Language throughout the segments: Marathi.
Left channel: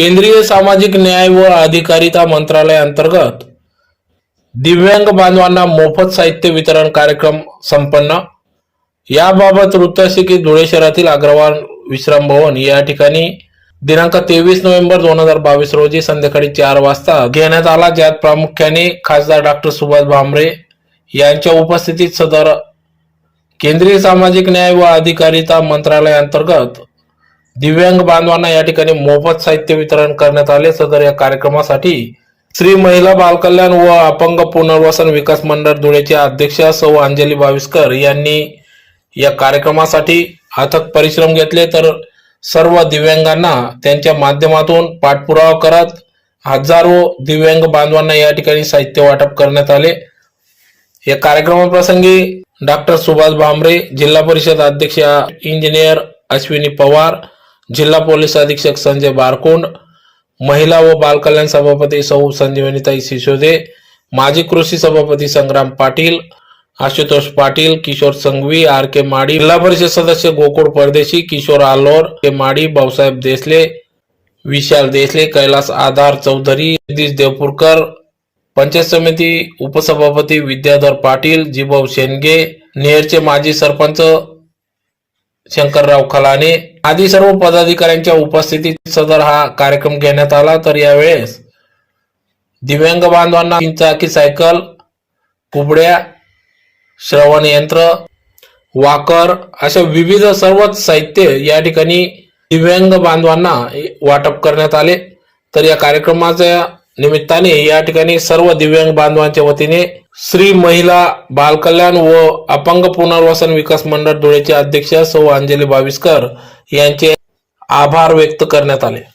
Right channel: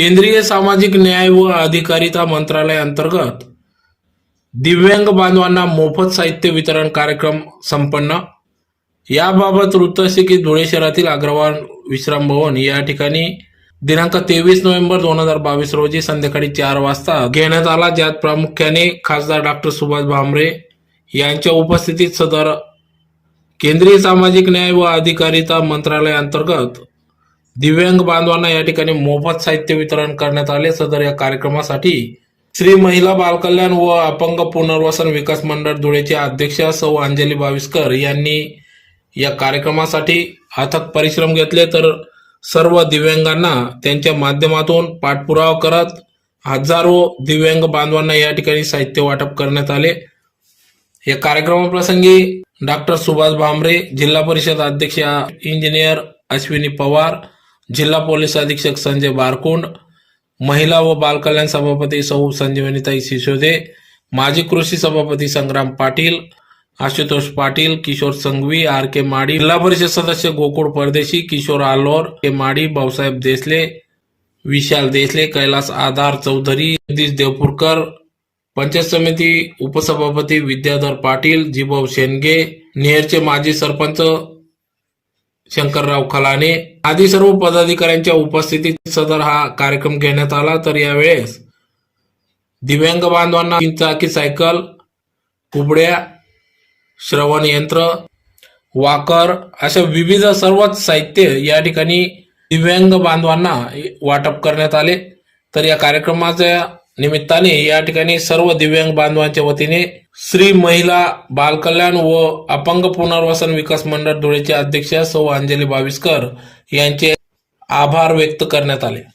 केंद्रीय सामाजिक न्याय व अधिकारिता मंत्रालय अंतर्गत दिव्यांग बांधवांना मोफत साहित्य वितरण कार्यक्रम संपन्न। याबाबत वृत्त असे की धुळे शहरातील अग्रवाल विश्राम भवन या ठिकाणी दिनांक 23 नोव्हेंबर 2022 रोजी संध्याकाळी 4 वाजता घेण्यात आला, ज्यात प्रामुख्याने खासदार डॉक्टर सुभाष भामरे यांच्या उपस्थितीत सदर केंद्रीय सामाजिक न्याय व अधिकारिता मंत्रालय अंतर्गत दिव्यांग बांधवांना या ठिकाणी मोफत साहित्य वितरण करण्यात आले। सदर या कार्यक्रमासाठी श्री महिला बालकल्याण व अपंग पुनर्वसन विकास मंडळ धुळेचे अध्यक्ष सौ अंजली बाविस्कर यांनी या कार्यक्रमासाठी अथक परिश्रम घेतले, तर सर्व दिव्यांगांना त्यांच्या माध्यमातून पाठपुरावा करत हजारो दिव्यांग बांधवांना या ठिकाणी साहित्य वाटप करण्यात आले। या कार्यक्रमाप्रसंगी डॉक्टर सुभाष भामरे, जिल्हा परिषद अध्यक्ष इंजिनियर अश्विनी पवार, जिल्हा पोलीस अधीक्षक संजय बारकुंड, महिला व बालकल्याण सभापती सौ संजीवनीताई सिसोदे, माजी कृषी सभापती संग्राम पाटील, आशुतोष पाटील, किशोर संघवी, आर के माडी, जिल्हा परिषद सदस्य गोकुळ परदेशी, किशोर आलोर के माडी, भाऊसाहेब देसले, विशाल देसले, कैलास आधार चौधरी, जगदीश देवपूरकर, पंचायत समिती उपसभापती विद्याधर पाटील, जिभाऊ शेंडगे, नेरचे माजी सरपंच शंकरराव खलाने आदी सर्व पदाधिकाऱ्यांच्या उपस्थितीत सदर हा कार्यक्रम घेण्यात आला। तर यावेळेस दिव्यांग बांधवांना 3 चाकी सायकल, कुबड्या, श्रवण यंत्र, वाकर अशा विविध सर्वच साहित्य या ठिकाणी दिव्यांग बांधवांना वाटप करण्यात आले। तर या कार्यक्रमाच्या निमित्ताने या ठिकाणी सर्व दिव्यांग बांधवांच्या वतीने श्री महिला बालकल्याण व अपंग पुनर्वसन विकास मंडळ धुळेचे अध्यक्ष सौ अंजली बाविस्कर यांचे आभार व्यक्त करण्यात आले।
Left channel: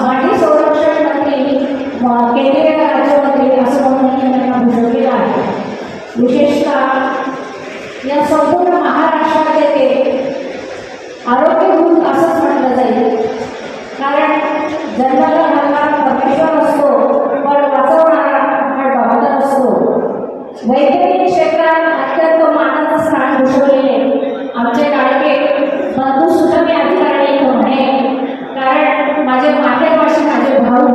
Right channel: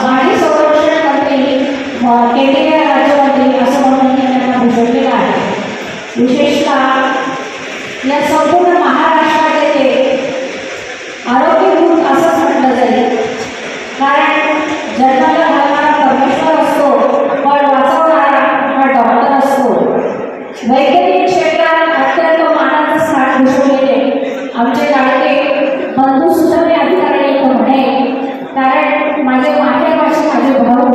माजी संरक्षण मंत्री केंद्रीय राज्यमंत्री असं म्हणून त्यांना भूषवलेलं आहे। विशेषतः या संपूर्ण महाराष्ट्राचे आरोग्यदूत असंच म्हटलं जाईल. कारण जन्माला घालणारा परमेश्वर असतो, पण वाचवणारा हा डॉक्टर असतो. वैद्यकीय क्षेत्रात अत्यंत मानाचं स्थान भूषवलेले आमचे लाडके बंधू सुद्धा अधिकारी इथं म्हणे, कारण माझे मातेभाषी माझे भाऊ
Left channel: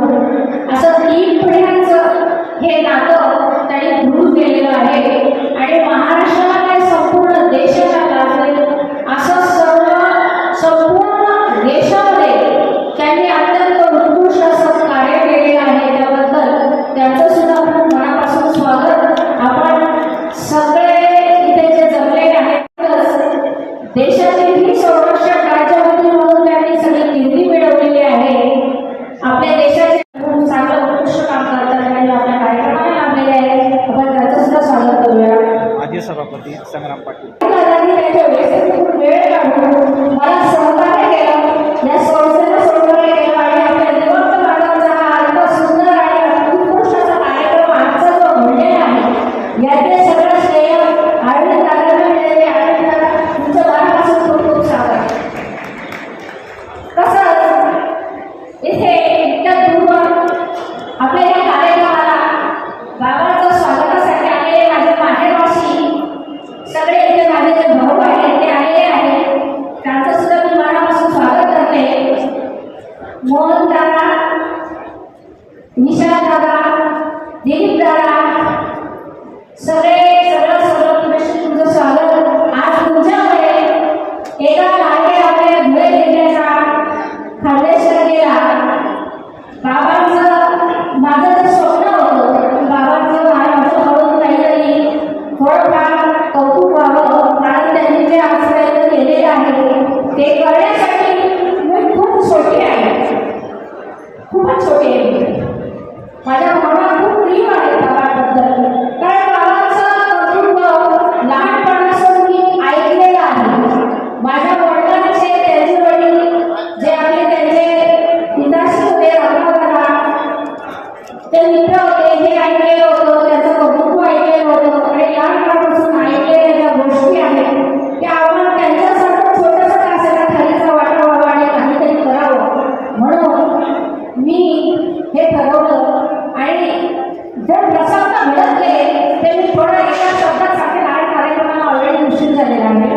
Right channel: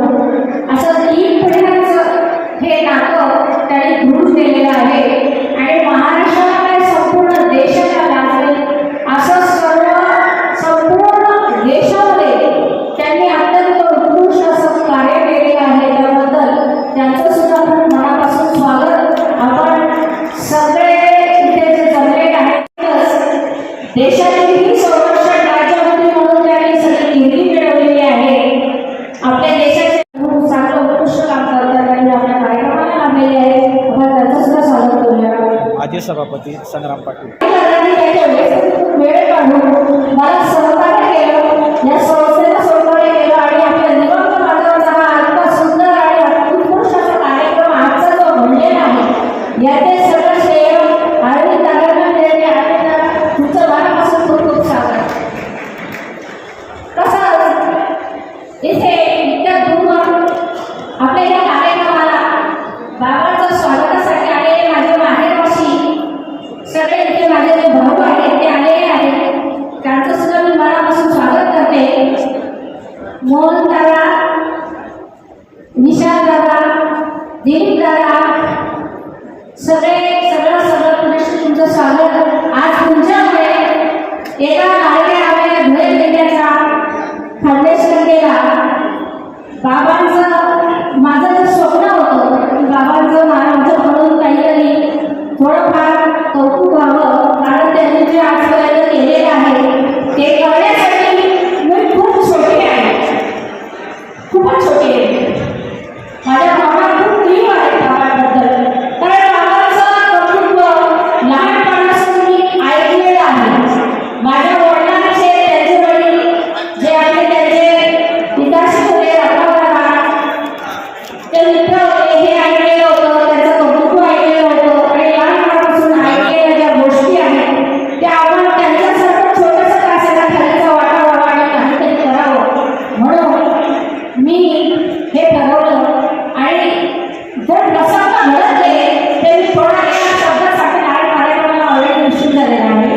असं 3 पिढ्यांचं हे नातं त्यांनी दृढ केलेलं आहे. आणि महाराष्ट्राला काय संपूर्ण देशाला लाभले असं संपूर्ण देशामध्ये त्यांनी अत्यंत उत्कृष्ट असं कार्य केलेलं आहे. त्याबद्दल त्यांचं सुद्धा खूप मनापासून स्वागत. आपण सगळे इथे जे जमलेले आहेत, देशातील ही संरक्षण राज्यमंत्री म्हणून त्यांनी सगळी कीर्ती मिळवलेली आहे. आपल्या देशाचे खूप चांगलं उत्कृष्ट काम करतात आणि आपल्या कार्यक्रमाला लाभलेले आहेत. आपण त्यांचं सुद्धा स्वागत करूया. आजी सभापती संग्राम पाटील त्याच्या वेळ काढून मला सहकार्य केलं, या संस्थेला सहकार्य केलं आणि आपल्या निवडणूक मार्गावरचा हा इतका सुंदर आणि उत्कृष्ट असा कार्यक्रम आजचा जो घडलेला आहे, याचे सगळं श्रेय अरविंद दादांना मिळाले. अरविंद, तुमचं मनापासून खूप खूप स्वागत. कसं इथे इतक्या दूर आपल्या या कार्यक्रमाला बाबांचं स्वागतासाठी आलेले माझे माहेरवासी सगळे इथे माझे जे भाऊ आहेत ते आलेले आहेत. त्यांचं सुद्धा मी मनापासून स्वागत करते. मोहन दादा, निशांत दादा, दिलीप दादा, सगळं पुरेशी तुमचं स्वागत. आज तुमच्यामुळे एका लाडक्या आपल्या धुळे जिल्ह्याचा खानदेश केला. बाबांचं माझं जे स्वप्न होतं, बाबांचं माझ्याकडून काहीतरी थोडंफार कौतुक व्हावं, कारण त्यांनी जे आजपर्यंत केलेलं आहे ते करण्यासाठी मी खूप छोटी आहे, खूपच छोटी आहे. माझ्या मनात खूप प्रेम आहे बाबांबद्दल, कारण बाबांचं कौतुक लहानपणापासून मी ऐकलेलं आहे. माझ्या वडिलांचे त्यांचे वडील जे आहे त्यांचे पिताश्री होते रत्नाकरराव, ते मित्र होते, हे ऐकलेलं होतं, त्याचं कौतुक ऐकलेलं होतं. आणि लहानपणापासून ऐकलेल्या ज्या गोष्टी आहेत त्या आपण त्यांच्यासारखं छोटंसं का असेना खालीचा वाटा व्हावा आणि काहीतरी करावं, म्हणून मी हे ठरवलं. आणि जर प्रसंग घडतले ते मी थोडा एका शब्दासाठी कार्यक्रमाला ऑलरेडी निश्चित झालेला आहे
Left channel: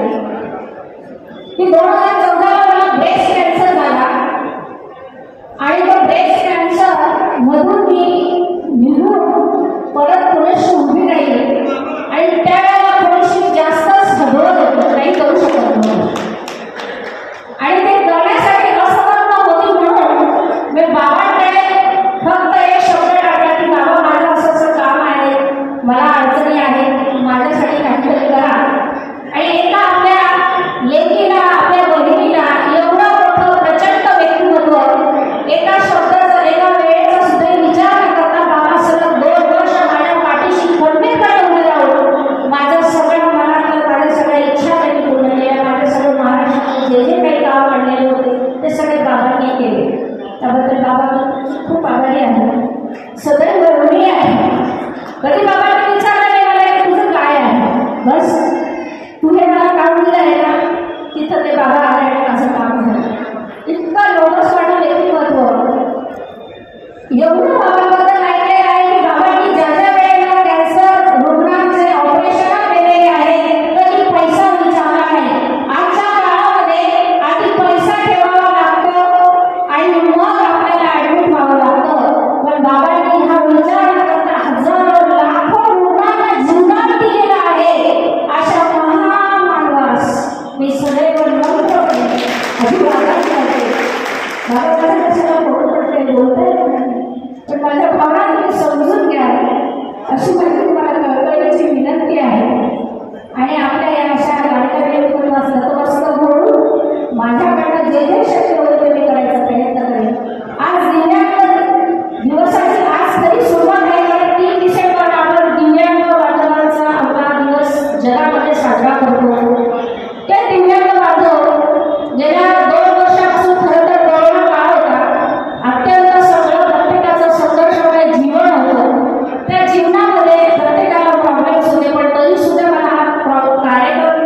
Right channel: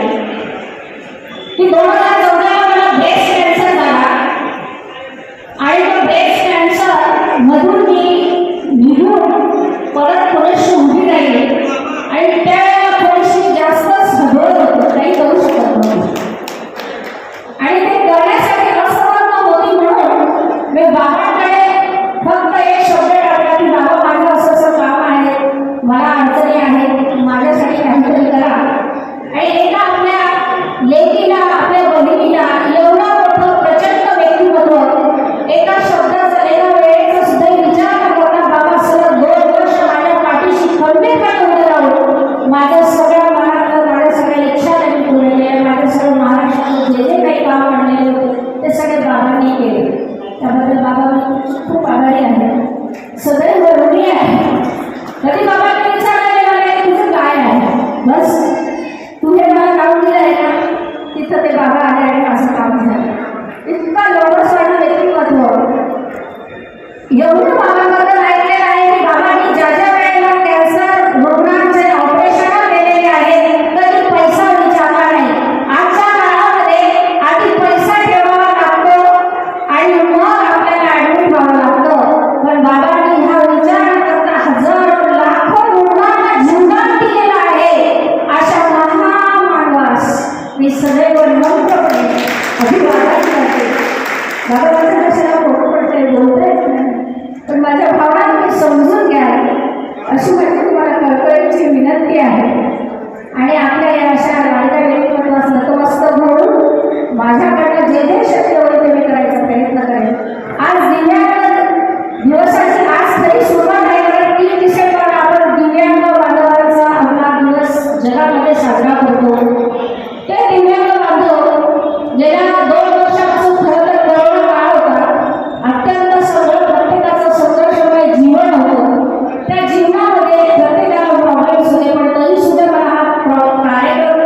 की 2014 मला ब्रेस्ट कॅन्सर झाला. आणि तो ब्रेस्ट कॅन्सर मधून मी निघून परत थोडीशी उभी राहिली. आणि त्यावेळेला थोडीशी जास्तच घबरत होतं, काही करू शकत नव्हतं. आणि ते करण्यासाठी असमर्थ होती, म्हणून मी बाबांकडे फक्त एक शब्द टाकला की बाबा माझं असं असं काम आहे, मला अडचणी आहेत, माझ्यासाठी काहीतरी करा. आणि एका आपल्या लेकीला, आपल्या बहिणीला एवढं मोठं प्रचंड व्यक्तिमत्व एका शब्दाचा, एका वेळेचा सुद्धा विचार न करता बाबा सलग 2 वर्ष माझ्या पाठीशी खंबीरपणे उभे राहून माझ्या सगळ्या मनातलं, माझ्या सगळ्या इच्छा त्यांनी पूर्ण केल्या. माझ्या सगळं महाराष्ट्रात जे जे काही काम आणलेले होते ते सगळे बाबांनी केले. त्याबद्दल बाबा खूप आभारी आहे, सदैव ऋणी आहे. कधी बाबांनी विचारलं नाही मला की तुझं काय आहे, बस तू हे मला काम दिलं आहे ना, तिथं ते बाबा आले आणि असं काम झालं. इतका लोकस्वार्थ व्यक्तिमत्व, एवढं बाबांबद्दल ऐकलेलं आहे की बाबांनी ज्या ज्या वेळेला कॅन्सर रुग्णांचे ऑपरेशन केलेले आहेत कधी पैसा विचारला नाही. आजच्या काळामध्ये आधी पैसा ठेवावा लागतो आणि मग आपल्याला ऍडमिट व्हावं लागतं. पण बाबांनी हा विचार न करता हजारो लाखो रुग्णांना जीवदान दिलेलं आहे. अशा महान मानवास मी सदैव नम्रपणे अभिवादन करते. मला माझ्या कशाला फोटो पडते बोलते नाही, पण माझ्या भावना तुम्ही समजून घ्या अशी माझी तुम्हाला कळकळीची विनंती आहे. आणि आपल्या या अशा लाडक्या व्यक्तिमत्वास नतमस्तक होऊन माझ्याकडनं जे जे शक्य होईल ते मी करायचा प्रयत्न करेन. आज दिव्यांग दिवसाची आज तरी सुरुवात आहे, कारण 3 डिसेंबर आपण दिव्यांग बांधवांचा आपला दिवस जगामध्ये साजरा करतो. ते दिव्यांग बांधव गेल्या 2 वर्षापासून खरं तर कोरोना काळ होता, अत्यंत सगळं प्रत्येकाचं संघर्षमय जीवन होतं. त्या जीवनामध्ये प्रत्येकाला प्रॉब्लेम्स होते, पण तरी सुद्धा मला हा कार्यक्रम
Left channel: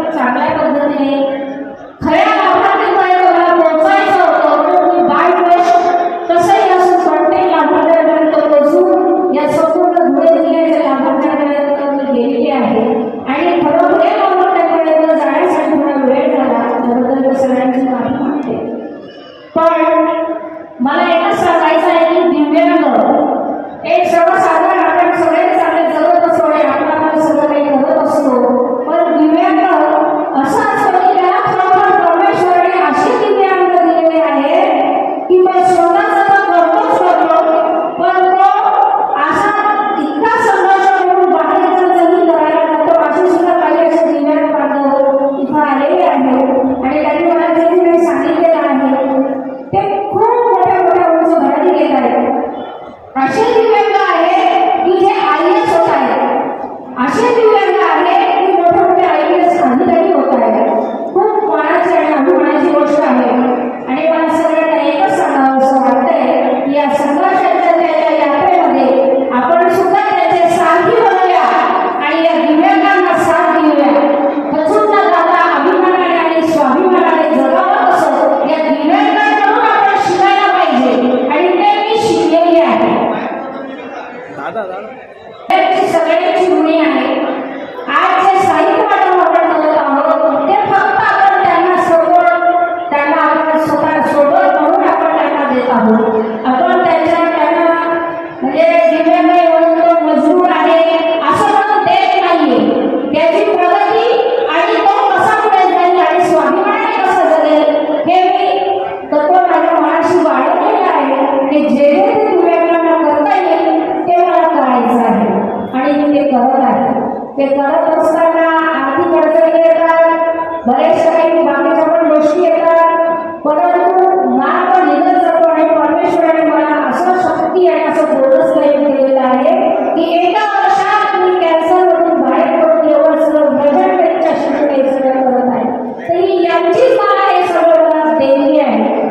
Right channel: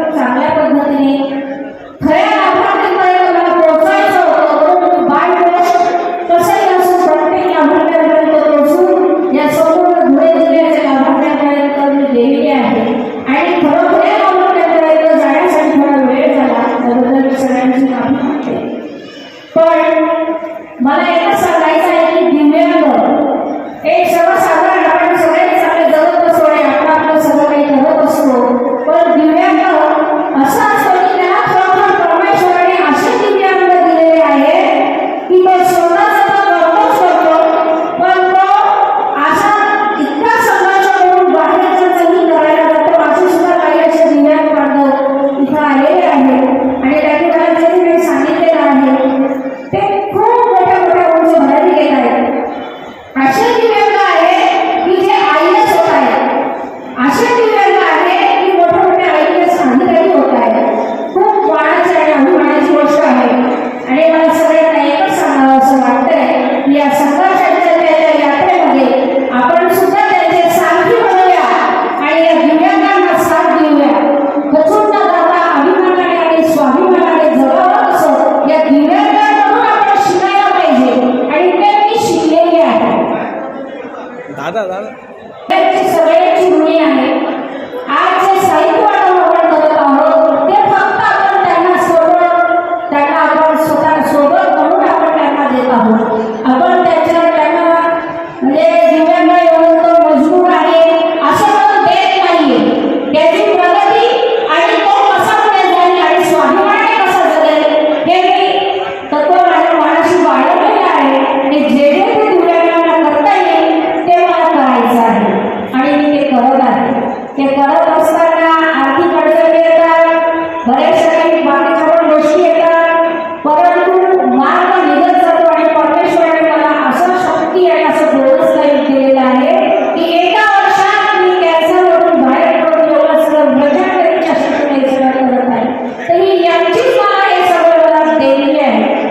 बऱ्याचशा काही बाकीच्या पण गोष्टी येतात, परंतु मार्ग निघत जातो आणि परमेश्वराने मला असं शक्ती आणि असं बोनस काही दिलेलं आहे की एका वर्षात मी कॅन्सरवरून बाहेर पडून एवढं सगळं वजन त्यांच्या शक्तीने सगळं करत आहे. तर ही यांचीच मला हे सगळं मला देणगी आहे.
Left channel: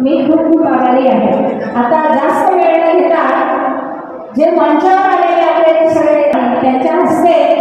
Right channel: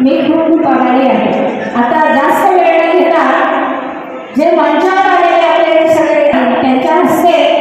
मी खूप खूप आभारी आहे. आता जास्त वेळ न घेता जे मंचावर आलेले आपले सगळे त्यांच्या हस्ते